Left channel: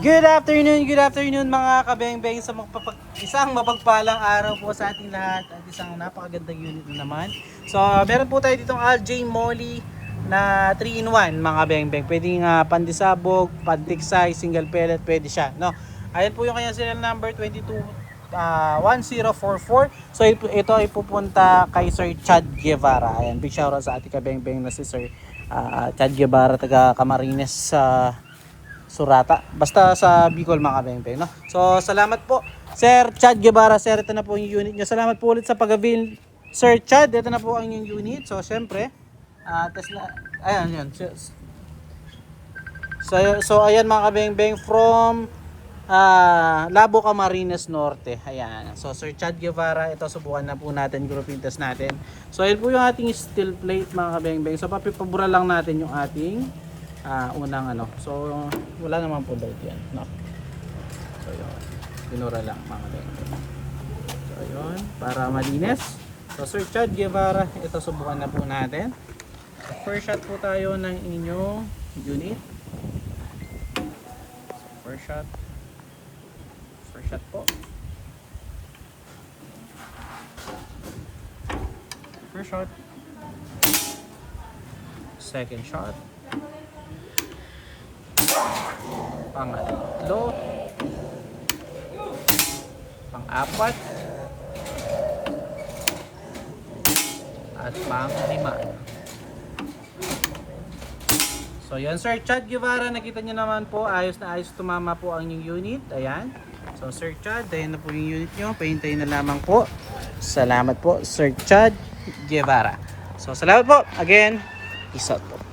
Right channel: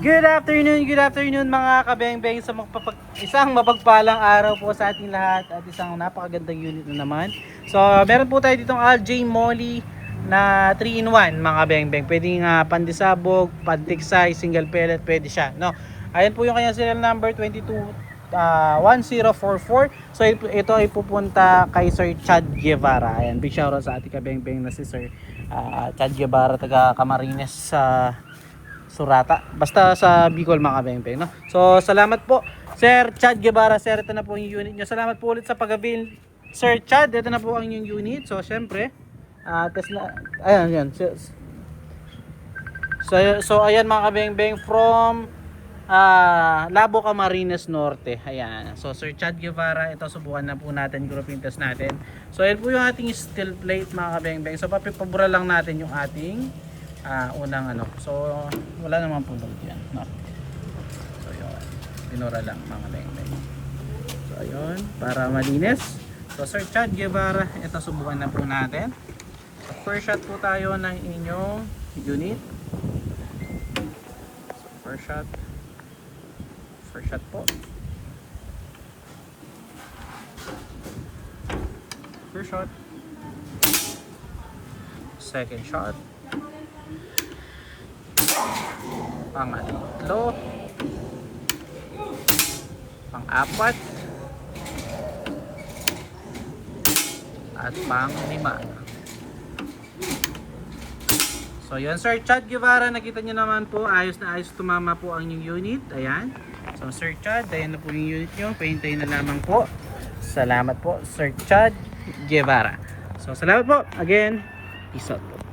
Good afternoon mga kabeng-beng sa isang mapagpalang araw po sa ating lahat at isang napakagandang unit na naman. So, meron po tayo ditong Aljay Molly na 3-in-1 mga kabeng-beng. Pwede nga pandisabog, pantiksay, single pellet, pwede siya. No? Ayan po yung kanyang serial number 1044. So, ito ay pupunta kay Sir Chad Guevara. Ayan, big shoutout sa ating kabeng-beng na si Sir Chad Guevara, taga Camarines sa Surata. Basta sa Bicol mga kabeng-beng, no? So, salamat po Sir Chad Guevara. Sir, ito na po yung unit niya. Salamat po ulit sa pag-avail. Sir Chad, ito na po ang yung unit. So, syempre, test na, ayan, yan. So, ayan mga kabeng-beng from Labo, Camarines Norte. Ayan. So, Sir Chad Guevara, ito subukan na po natin, grouping test natin. So, ayan po yung ating steel plate mga kabeng-beng. So, papipabura lang natin yung ating unang ano. So wala naman po daw yan, no? So yun, pinura lang mga kabeng-beng. So ayun, para malinis. So Sir Chad Guevara, ito subukan na po natin. First shot po tayo ng inyong unit. First shot po. First shot. Second shot. Pangatlo, pang-apat, at pang-lima. So yun Sir Chad Guevara, nakita nyo naman po, ayos na ayos tumama po ang yung unit. Ayan. So Sir Chad, ayan na po yung unit nyo, pahintayin na lamang po. Salamat po Sir Chad Guevara. So salamat po again, peace out po.